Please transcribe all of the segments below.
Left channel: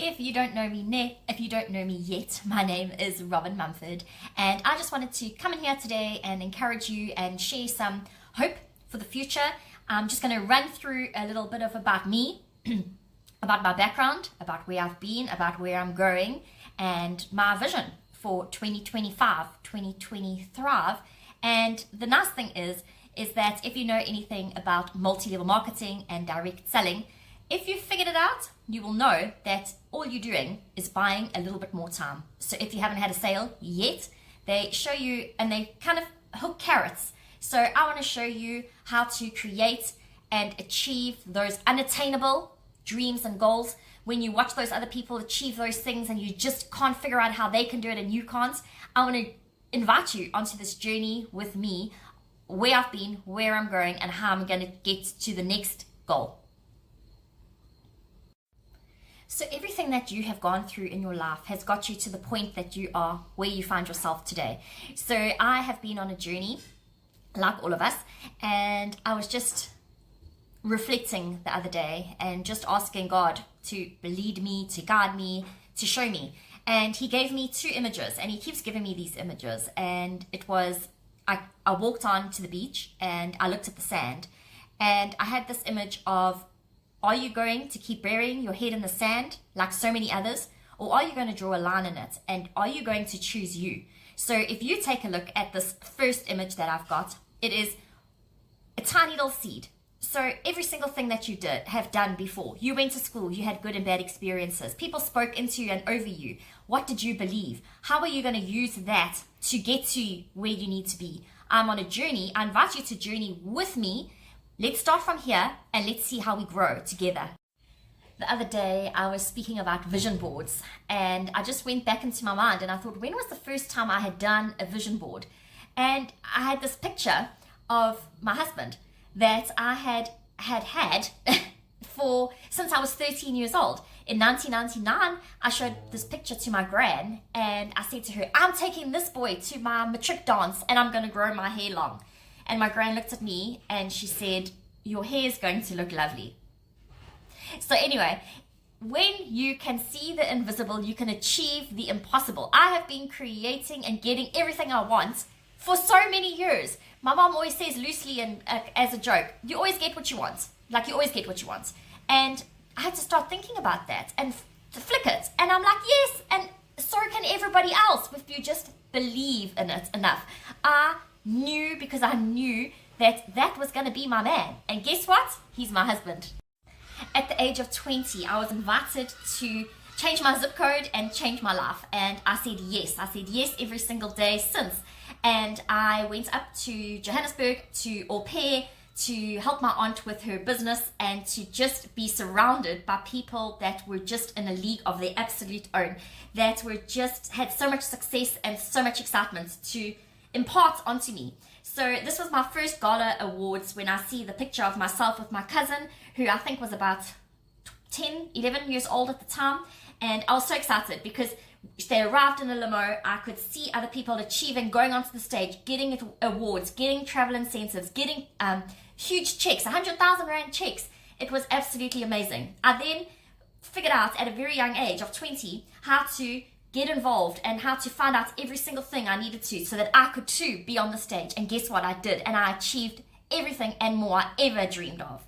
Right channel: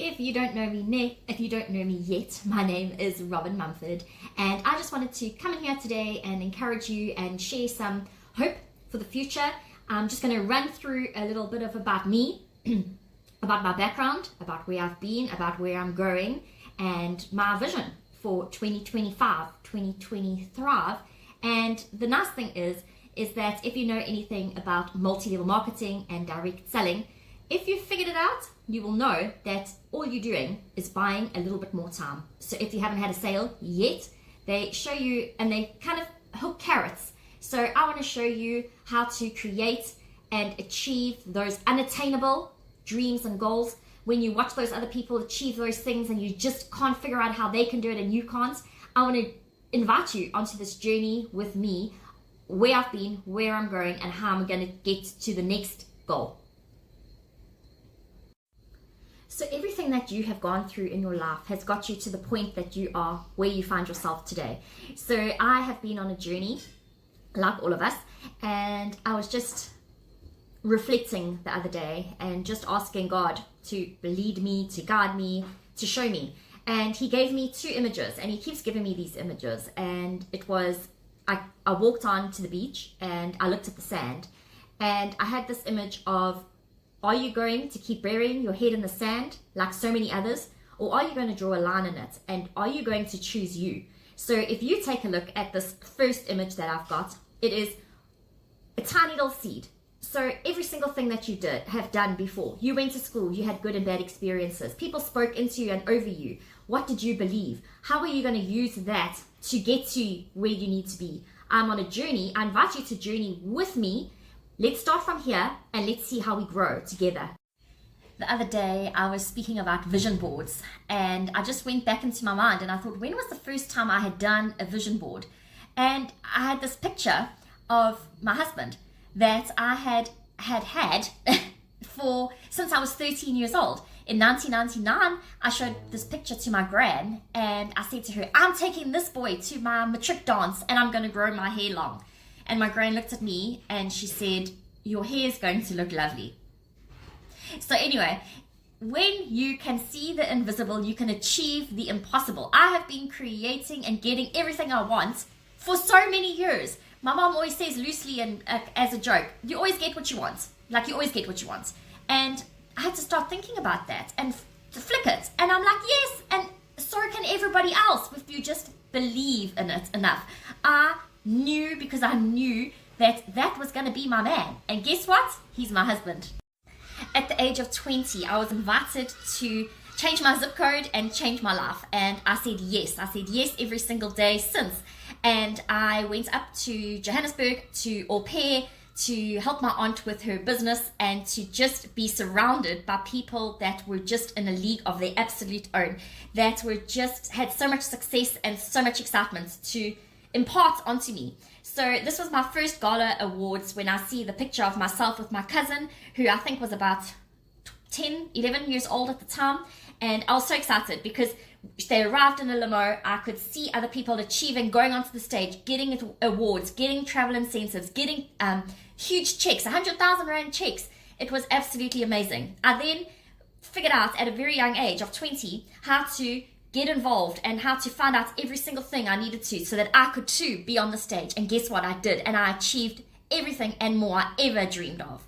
If you don't know me yet, my name is Robin Mumford, and I just wanted to come in here today and encourage you and share some hope for the future. I'm just going to run through a little bit about me, about my background, about where I've been, about where I'm going, and my vision for 2025, 2023. And the nice thing is that if you know anything about multi-level marketing and direct selling, if you've figured it out, you will know that all you're doing is buying a little bit more time. So if you haven't had a sale yet, they show you and they kind of hook carrots. So I want to show you how to create and achieve those unattainable dreams and goals. When you watch those other people achieve those things and you just can't figure out how they can do it and you can't, I want to invite you onto this journey with me, where I've been, where I'm going, and how I'm going to get to the next goal. So everything that you have gone through in your life has got you to the point that you are where you find yourself today. So I have been on a journey, like all of us, and I was just reflecting the other day and just asking God to lead me, to guide me, to show me. And he gave me two images, and he keeps giving me these images. And it was, I walked on to the beach and I looked at the sand, and I had this image of, are you going to keep burying your head in the sand like so many others? Or are you going to draw a line in it? And are you going to choose you? So if you take a look at this first image that I've got, it is a tiny little seed. So every single thing that you have done before, you went to school, you had good and bad experiences, people spoke into you and over you. What did you believe? How are you going to use that to get to where you need to be? I'm on a journey. I invite you to journey with me. Let's start from here and let's see how we grow together. The other day I was speaking about vision boards, and I just went back into my mind and I thought, when was the first time I had done a vision board? And I had this picture of my husband that I had since I was 13 years old. In 1999, I showed this picture to my gran and I said to her, I'm taking this boy to my matric dance and I'm going to grow my hair long. And my gran looked at me and she said, your hair is going to look lovely. So anyway, when you can see the invisible, you can achieve the impossible. I have been creating and getting everything I want for so many years. My mom always says loosely and as a joke, you always get what you want. Like you always get what you want. And I had to start thinking about that and to flick it. And I'm like, yes, and so can everybody else if you just believe in it enough. I knew because I knew that was going to be my man. And guess what? He's my husband. At the age of 20, I was invited to change my zip code and change my life. And I said yes. I said yes every single day since. And I went up to Johannesburg to au pair, to help my aunt with her business and to just be surrounded by people that were just in a league of their absolute own, that were just had so much success and so much excitement to impart onto me. So this was my first gala awards when I see the picture of myself with my cousin, who I think was about 10, 11 years old at the time. And I was so excited because they arrived in a limo. I could see other people achieving, going onto the stage, getting awards, getting travel incentives, getting huge checks, 100,000 Rand checks. It was absolutely amazing. I then figured out at a very young age of 20 how to get involved and how to find out every single thing I needed to so that I could too be on the stage. And guess what? I did. And I achieved everything and more I ever dreamed of.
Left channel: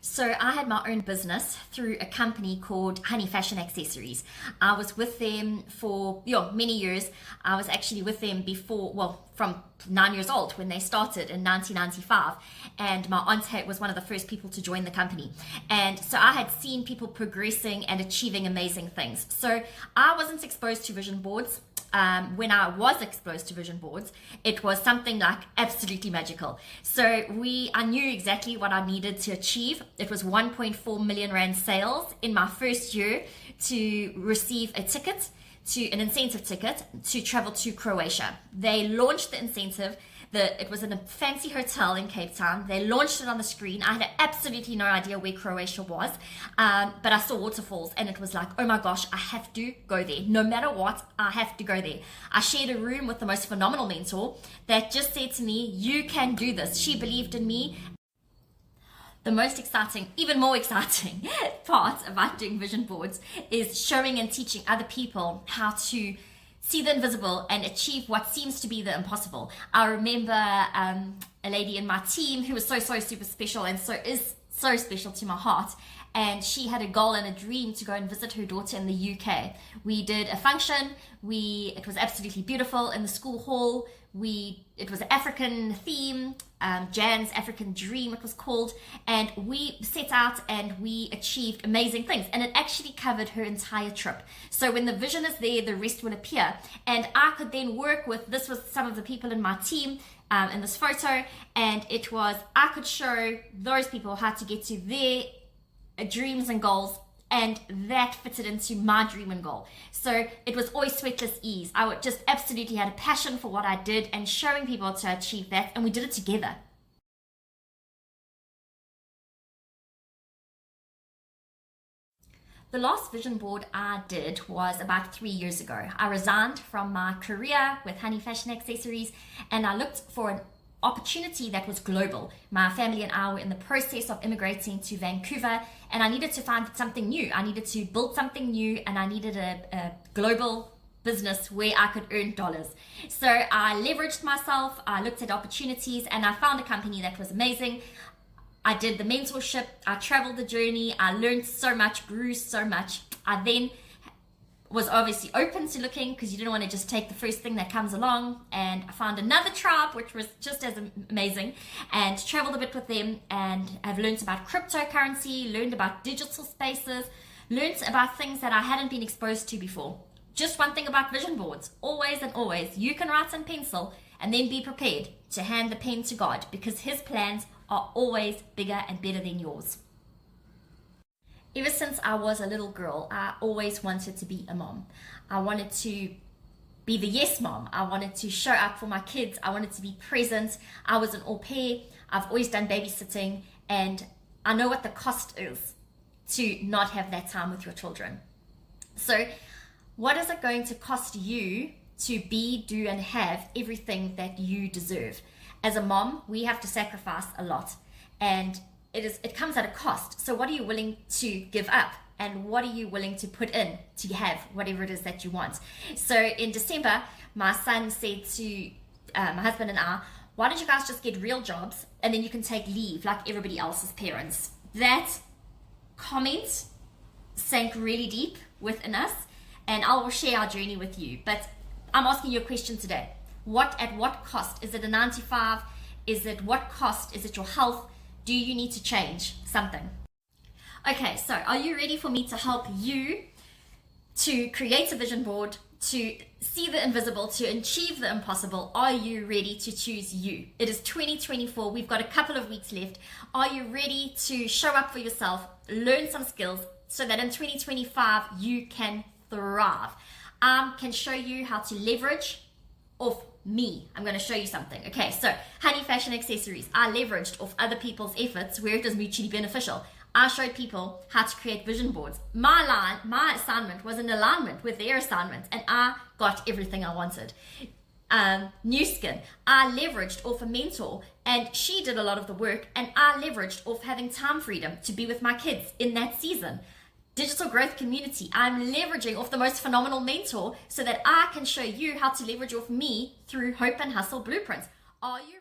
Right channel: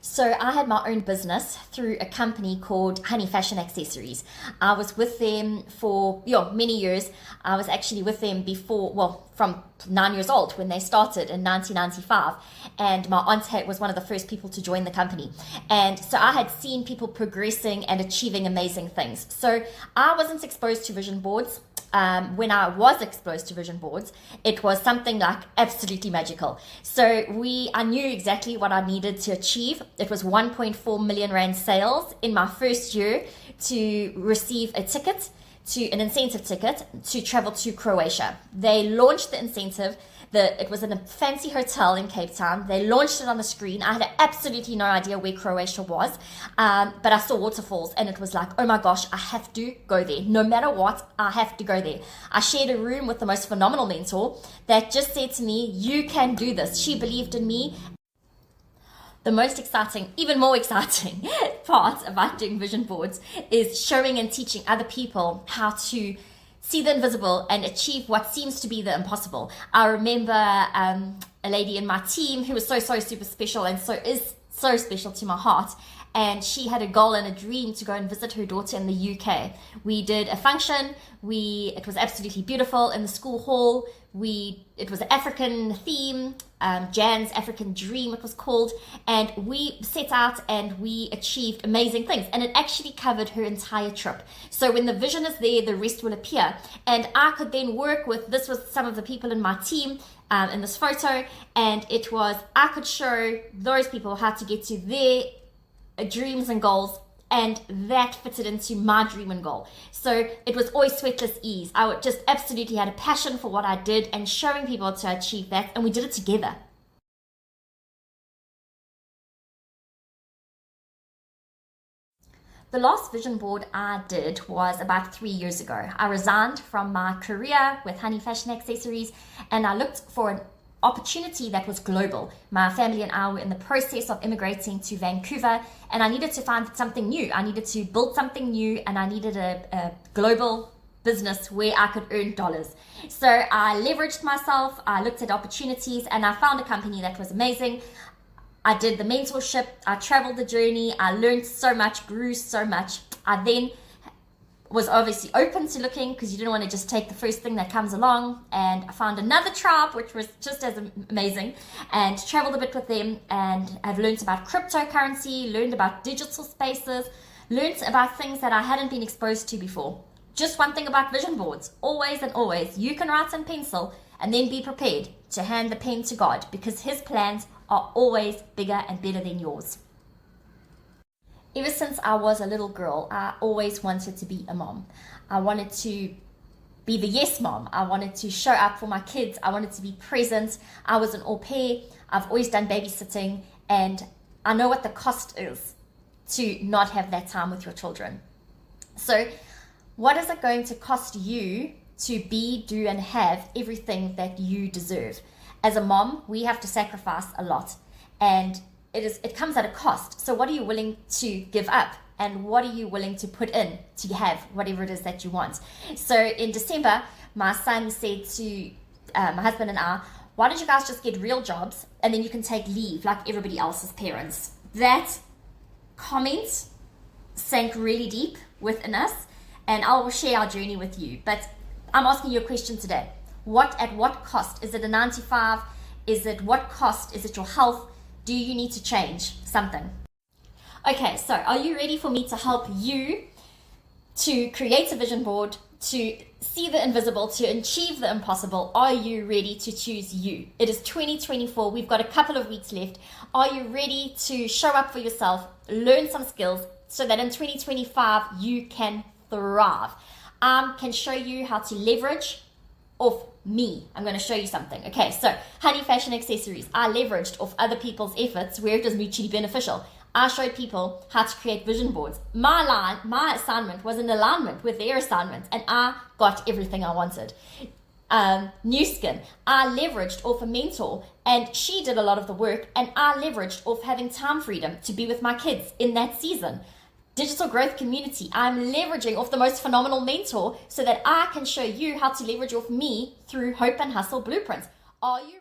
So I had my own business through a company called Honey Fashion Accessories. I was with them for many years. I was actually with them from 9 years old when they started in 1995. And my aunt was one of the first people to join the company. And so I had seen people progressing and achieving amazing things. So I wasn't exposed to vision boards. When I was exposed to vision boards, it was something like absolutely magical. So I knew exactly what I needed to achieve. It was 1.4 million Rand sales in my first year to receive an incentive ticket to travel to Croatia. They launched the incentive. It was in a fancy hotel in Cape Town. They launched it on the screen. I had absolutely no idea where Croatia was, but I saw waterfalls and it was like, oh my gosh, I have to go there. No matter what, I have to go there. I shared a room with the most phenomenal mentor that just said to me, you can do this. She believed in me. The most exciting, even more exciting part about doing vision boards is showing and teaching other people how to see the invisible and achieve what seems to be the impossible. I remember a lady in my team who was so super special and is so special to my heart. And she had a goal and a dream to go and visit her daughter in the UK. We did a function. It was absolutely beautiful in the school hall. It was an African theme, Jan's African Dream it was called, and we set out and we achieved amazing things, and it actually covered her entire trip. So when the vision is there, the rest will appear, and I could then work with, this was some of the people in my team in this photo, and I could show those people how to get to their dreams and goals, and that fitted into my dream and goal. So it was always sweatless ease. I would just absolutely had a passion for what I did and showing people to achieve that, and we did it together. The last vision board I did was about 3 years ago. I resigned from my career with Honey Fashion Accessories, and I looked for an opportunity that was global. My family and I were in the process of immigrating to Vancouver, and I needed to find something new. I needed to build something new, and I needed a global business where I could earn dollars. So I leveraged myself, I looked at opportunities, and I found a company that was amazing. I did the mentorship, I traveled the journey, I learned so much, grew so much. I then was obviously open to looking because you didn't want to just take the first thing that comes along, and I found another tribe which was just as amazing and traveled a bit with them, and I've learned about cryptocurrency, learned about digital spaces, learned about things that I hadn't been exposed to before. Just one thing about vision boards, always and always, you can write in pencil and then be prepared to hand the pen to God, because his plans are always bigger and better than yours. Ever since I was a little girl, I always wanted to be a mom. I wanted to be the yes mom. I wanted to show up for my kids. I wanted to be present. I was an au pair. I've always done babysitting, and I know what the cost is to not have that time with your children. So what is it going to cost you to be, do, and have everything that you deserve? As a mom, we have to sacrifice a lot, and it comes at a cost. So what are you willing to give up, and what are you willing to put in to have whatever it is that you want? So in December, my son said to my husband and I, why don't you guys just get real jobs and then you can take leave like everybody else's parents? That comment sank really deep within us, and I will share our journey with you. But I'm asking you a question today. At what cost? Is it a 9 to 5? What cost? Is it your health? Do you need to change something? Okay, so are you ready for me to help you to create a vision board, to see the invisible, to achieve the impossible? Are you ready to choose you? It is 2024. We've got a couple of weeks left. Are you ready to show up for yourself, learn some skills so that in 2025 you can thrive? I can show you how to leverage off me. I'm going to show you something. Okay, so Honey Fashion Accessories, I leveraged off other people's efforts where it was mutually beneficial. I showed people how to create vision boards. My assignment was in alignment with their assignment, and I got everything I wanted. New Skin, I leveraged off a mentor, and she did a lot of the work, and I leveraged off having time freedom to be with my kids in that season. Digital Growth Community, I'm leveraging off the most phenomenal mentor so that I can show you how to leverage off me through Hope and Hustle Blueprints. Are you